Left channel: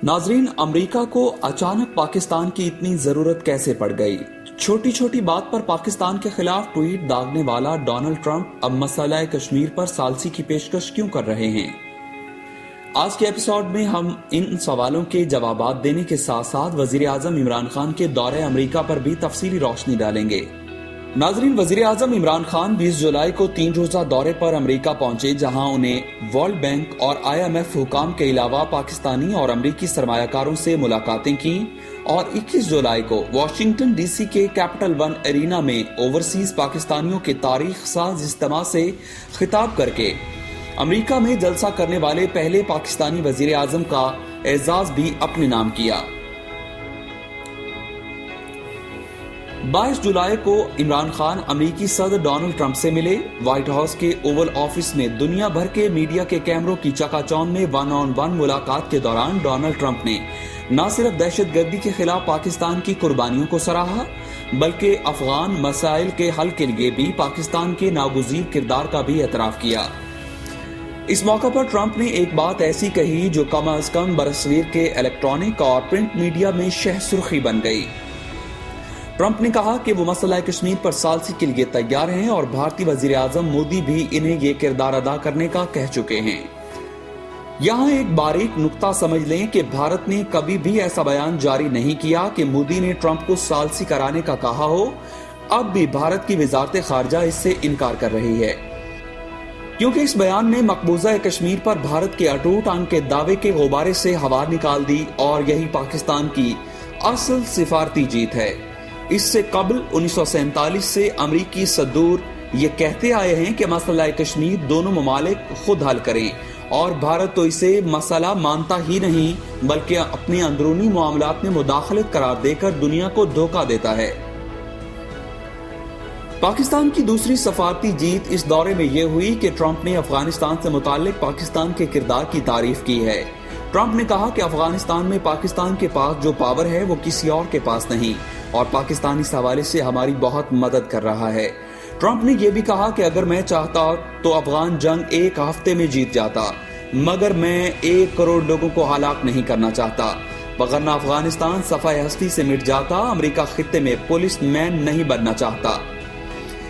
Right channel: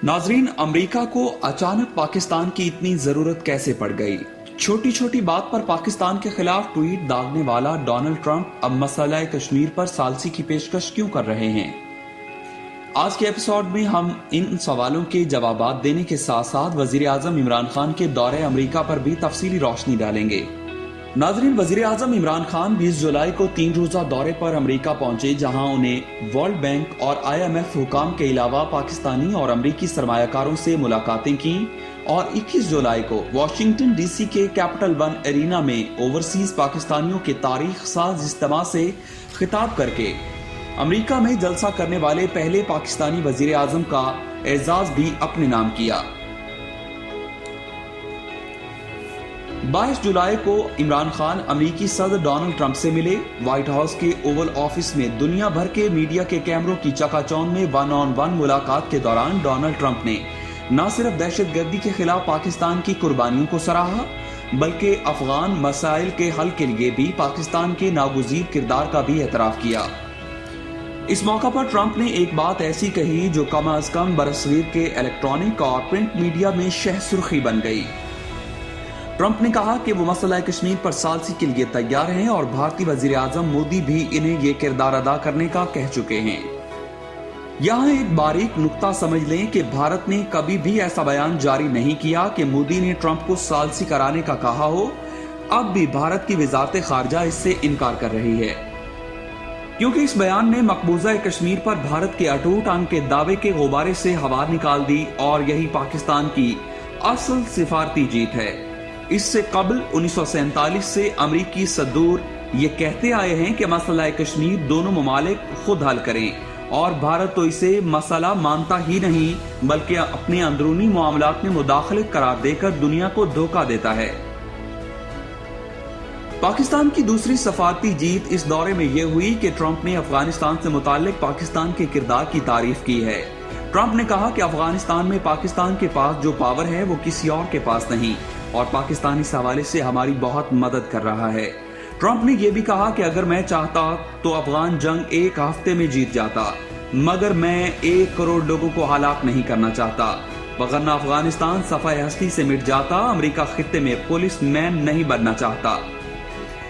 नाजरीन, अमेरिका को अचानक पाकिस्तान की इतनी जरूरत कैसे पड़ गई? छोटी छोटी बात पर पाकिस्तान के खिलाफ ट्वीट दागने वाला डोनाल्ड ट्रंप अब मसला कश्मीर पर सालसी की पेशकश क्यों कर रहे हैं? आज के एपिसोड में हम इन सवालों के जवाब देने के साथ साथ वजीर आजम इमरान खान के दौरे अमेरिका पर भी तफसीली रोशनी डालेंगे। नाजरीन, वजीर आजम इमरान खान 20 जुलाई को 3 रोजा दौरे पर अमेरिका पहुंचे, जहां उन्हें वर्ल्ड बैंक और IMF हुकाम के अलावा पाकिस्तानी और अमेरिकी सरमायाकारों से मुलाकातें की और 21 जुलाई को वाशिंगटन DC के कैपिटल वन एरिना में ओवरसीज पाकिस्तानियों के तारीख साज इज्तिमा से खिताब करके अमेरिका में जलसा करने वाले पहले पाकिस्तानी वजीर आजम का एजाज भी अपने नाम किया। 22 जुलाई को इमरान खान अमेरिकी सदर डोनाल्ड ट्रंप से मिले। व्हाइट हाउस के ओवल ऑफिस में दुनिया भर के मीडिया के कैमरों की चकाचौंध में 1-on-1 मुलाकात के दौरान डोनाल्ड ट्रंप ने न सिर्फ दहशतगर्दी के खिलाफ पाकिस्तान की कुर्बानियों को सराहा, बल्कि अफगान मसाइल के हल के लिए भी पाकिस्तान के नागुज़ीर किरदार का भी एतराफ किया। इस मौका पर ट्रंप ने एक बात ऐसी कही जो कम अज कम बरसगीर के इलेक्ट्रॉनिक और प्रिंट मीडिया में शह सुर्खी बन गई। ट्रंप ने कहा कि वो मसला कश्मीर पर सालसी के लिए तैयार हैं और भारतीय वजीर आजम मोदी भी इन्हें ये किरदार अदा करने का कह चुके हैं। यहाँ एक बारीक नुक्ता समझ लें कि भारत ने कभी भी ऐसा बयान जारी नहीं किया कि मोदी ने ट्रंप को सालसी कराने का कहा हो। अब भी भारत की वजारत खारजा इससे इनकार कर रही है, क्योंकि इस बयान में मकबूजा कश्मीर पर भारत के अटूट अंग के दावे के गुब्बारे से हवा निकाल दी और यही पाकिस्तान की असल सिफारती जीत है। इससे कबल 1947 से अमरीकी सदूर ये कहते आए हैं कि मसला कश्मीर दोनों ममालिक खुद हल करें, और भारत तो इसे मसला मानता ही नहीं बल्कि अपने अंदरूनी मामलात में मुदाखलत करार देकर दुनिया को धोखा देता है। पाकिस्तान की दूसरी सफारती जीत इस दौरे में यह हुई कि ट्रंप ने अफगानिस्तान से मुताल्लिक पाकिस्तान के किरदार की तारीफ की है। ट्रंप ने कहा कि अफगानिस्तान में पाकिस्तान के पास जो पावर है वो किसी और के पास नहीं, और पाकिस्तान इस हवाले से हमारी बहुत मदद कर रहा है। ट्रंप ने यह भी कहा कि अगर मैं चाहता तो अफगान जंग एक हफ्ते में जीत जाता, मगर मैं 1 करोड़ लोगों को हलाक नहीं करना चाहता, वरना अफगानिस्तान सफाए हस्ती से मिट जाता। अमेरिका खित्ते में पुलिस मैन नहीं बनना चाहता।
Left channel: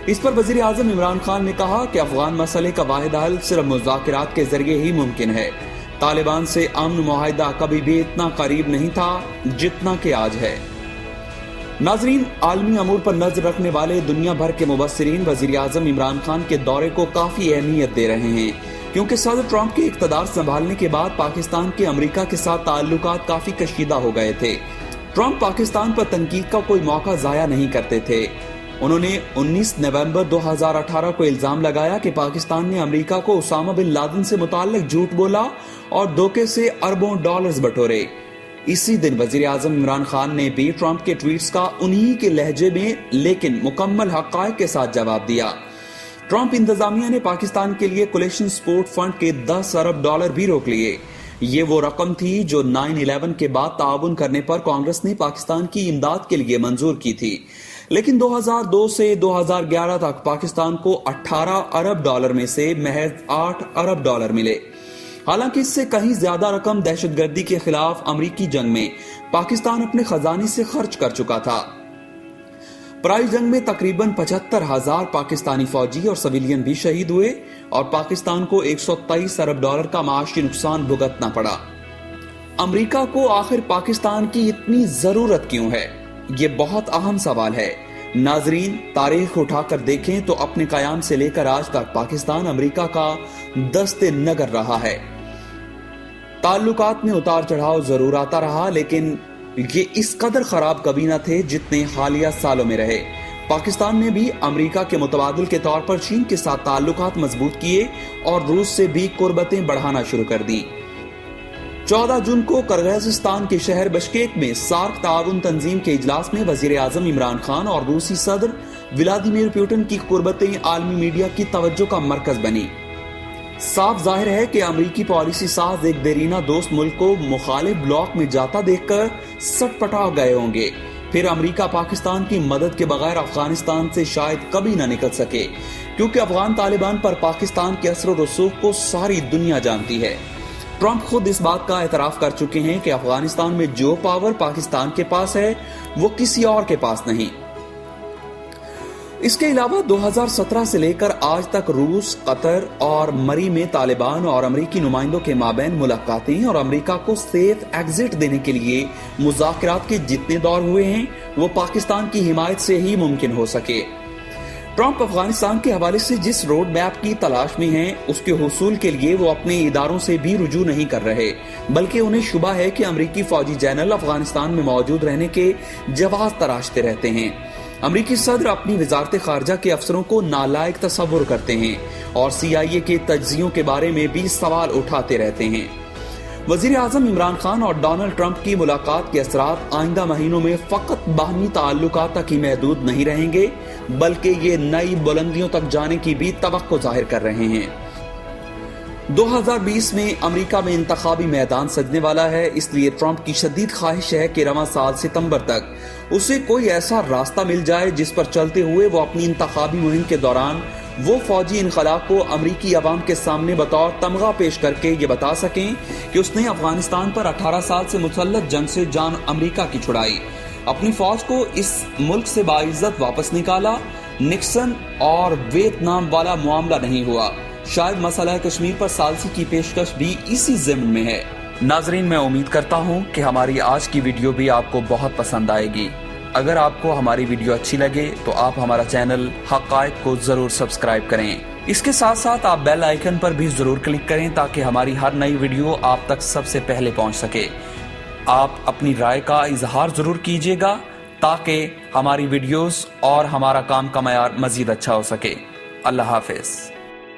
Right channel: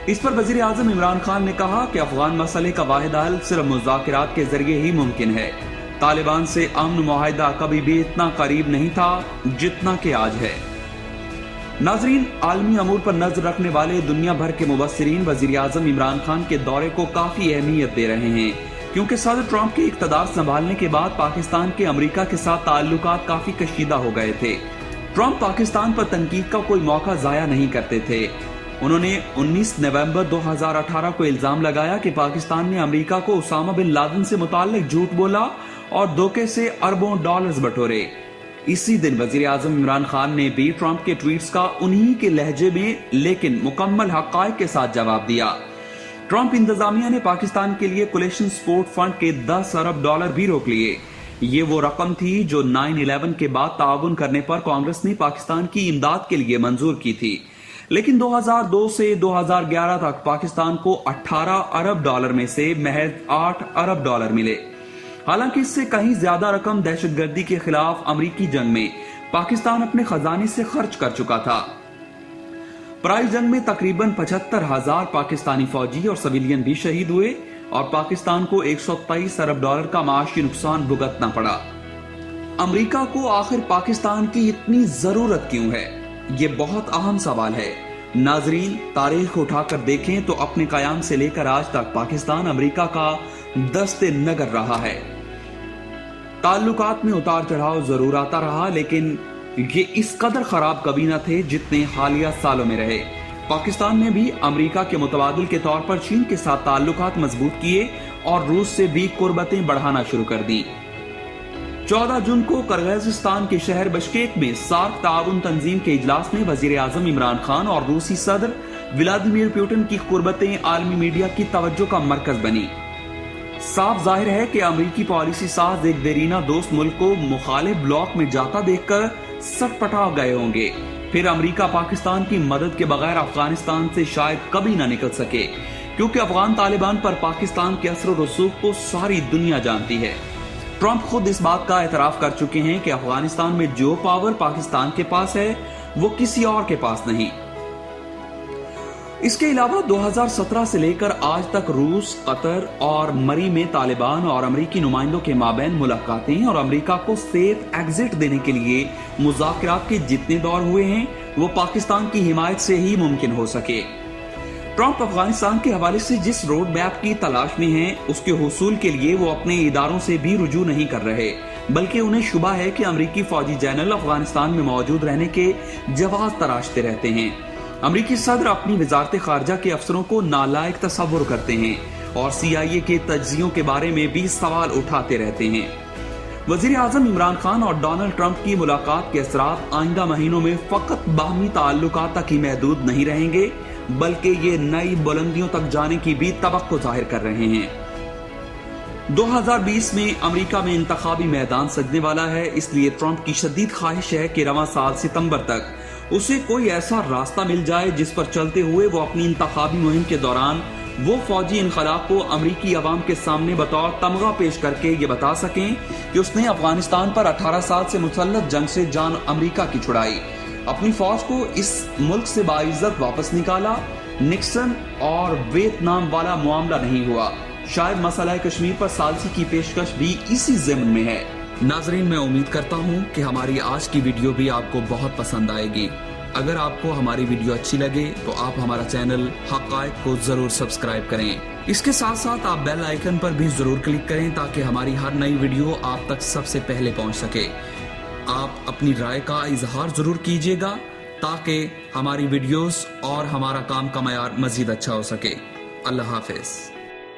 इस पर वजीर आजम इमरान खान ने कहा कि अफगान मसले का वाहिद हल सिर्फ मुज़ाकरात के जरिए ही मुमकिन है। तालिबान से अमन मुआहिदा कभी भी इतना करीब नहीं था जितना कि आज है। नाजरीन, आलमी अमूर पर नजर रखने वाले दुनिया भर के मुबस्सिरीन वजीर आजम इमरान खान के दौरे को काफी अहमियत दे रहे हैं, क्योंकि सदर ट्रंप के इक़्तिदार संभालने के बाद पाकिस्तान के अमेरिका के साथ ताल्लुकात काफी कशीदा हो गए थे। ट्रंप पाकिस्तान पर तनकीद का कोई मौका जाया नहीं करते थे। उन्होंने 19 नवंबर 2018 को इल्जाम लगाया कि पाकिस्तान ने अमेरिका को उसामा बिन लादेन से मुताल्लिक झूठ बोला और धोखे से अरबों डॉलर्स बटोरे। इसी दिन वजीर आजम इमरान खान ने भी ट्रंप के ट्वीट्स का उन्हीं के लहजे में लेकिन मुकम्मल हक़ाइक़ के साथ जवाब दिया। ट्रंप इंतजामिया ने पाकिस्तान के लिए कोलेशन सपोर्ट फंड के 10 अरब डॉलर भी रोक लिए। ये वो रकम थी जो 9/11 के बाद ताउन करने पर कांग्रेस ने पाकिस्तान की इमदाद के लिए मंजूर की थी, लेकिन 2002 से 2011 तक पाकिस्तान को 18 अरब डॉलर में से महज 8 अरब डॉलर मिले। हालांकि इससे कहीं ज्यादा रकम दहशतगर्दी के खिलाफ अमरीकी जंग में पाकिस्तान अपने खजाने से खर्च कर चुका था। पराई जंग में तकरीबन 75,000 पाकिस्तानी फौजी और सिविलियन भी शहीद हुए और पाकिस्तान को 123 अरब डॉलर का माशी नुकसान भुगतना पड़ा। अमरीका को आखिर पाकिस्तान की इतनी जरूरत क्यों है? ये बहुत अहम सवाल है। नाजरीन, तारीख उठाकर देखें तो अपने कयाम से लेकर आज तक पाकिस्तान अमेरिका का दस्ते नगर रहा है। ताल्लुकात में उतार चढ़ाव जरूर आता रहा, लेकिन ये इस कदर खराब कभी न थे जितने हालिया सालों में रहे। पाकिस्तान ने भी अमेरिका के मुतबादिल के तौर पर चीन के साथ ताल्लुकात मजबूत किए और रूस से भी कुर्बतें बढ़ाना शुरू कर दी। 14 जून को किर्गिज़स्तान के शहर बिश्केक में सार्क ताउन तंजीम के इजलास में वजीर आजम इमरान खान और रूसी सदर व्लादिमीर पुतिन की कुर्बतें आलमी मीडिया की तवज्जो का मरकज बनी। साफ जाहिर है कि अमेरिकी पॉलिसी साज एक देरीना दोस्त मुल्क को मुखालिफ ब्लॉक में जाता देखकर सटपटा गए होंगे। फिर अमेरिका पाकिस्तान की मदद के बगैर अफगानिस्तान से शायद कभी न निकल सके, क्योंकि अफगान तालिबान पर पाकिस्तान के असर और रसूख को सारी दुनिया जानती है। ट्रंप खुद इस बात का एतराफ कर चुके हैं कि अफगानिस्तान में जो पावर पाकिस्तान के पास है वो किसी और के पास नहीं। इसके अलावा 2017 से लेकर आज तक रूस, कतर और मरी में तालिबान और अमेरिकी नुमाइंदों के माबैन मुलाकातें और अमेरिका को सेफ एग्जिट देने के लिए मुज़ाकरात के जितने दौर हुए हैं वो पाकिस्तान की हिमायत से ही मुमकिन हो सके। ट्रंप अफगानिस्तान के हवाले से जिस रोड मैप की तलाश में हैं, उसके हुसूल के लिए वो अपने इदारों से भी रुजू नहीं कर रहे, बल्कि उन्हें शुबा है कि अमेरिकी फौजी जनरल अफगानिस्तान में मौजूद रहने के जवाब तराशते रहते हैं। अमेरिकी सदर अपनी वजारत खारजा के अफसरों को नालायक तस्वुर करते हैं और CIA के तज्जियों के बारे में भी सवाल उठाते रहते हैं। वजीर आजम इमरान खान और डोनाल्ड ट्रंप की मुलाकात के असरात आइंदा महीनों में फकत बाहमी ताल्लुकात तक ही महदूद नहीं रहेंगे, बल्कि ये नई बुलंदियों तक जाने की भी तवक्को जाहिर कर रहे हैं। 2020 में अमेरिका में इंतखाबी मैदान सजने वाला है, इसलिए ट्रंप की शदीद ख्वाहिश है कि रवां साल सितंबर तक उसे कोई ऐसा रास्ता मिल जाए जिस पर चलते हुए वो अपनी इंतखाबी मुहिम के दौरान वो फौजी इनकलाब को अमरीकी अवाम के सामने बतौर तमगा पेश करके ये बता सकें कि उसने अफगानिस्तान पर 18 साल से मुसल्लत जंग से जान अमरीका की छुड़ाई, अपनी फौज को इस मुल्क से बाइज्जत वापस निकाला, निक्सन और वियतनाम वाला मामला नहीं हुआ। शायद मसला कश्मीर पर सालसी की पेशकश भी इसी ज़िम्न में है। नाजरीन, मैं उम्मीद करता हूँ कि हमारी आज की वीडियो भी आपको बहुत पसंद आएगी। अगर आपको हमारी वीडियो अच्छी लगे तो आप हमारा चैनल हक़ाइक़ को जरूर सब्सक्राइब करें। इसके साथ साथ आप बेल आइकन पर भी जरूर क्लिक करें ताकि हमारी हर नई वीडियो आप तक सबसे पहले पहुंच सके। आप अपनी राय का इजहार जरूर कीजिएगा ताकि हमारी वीडियोस और हमारा काम का मयार मजीद अच्छा हो सके। अल्लाह हाफिज।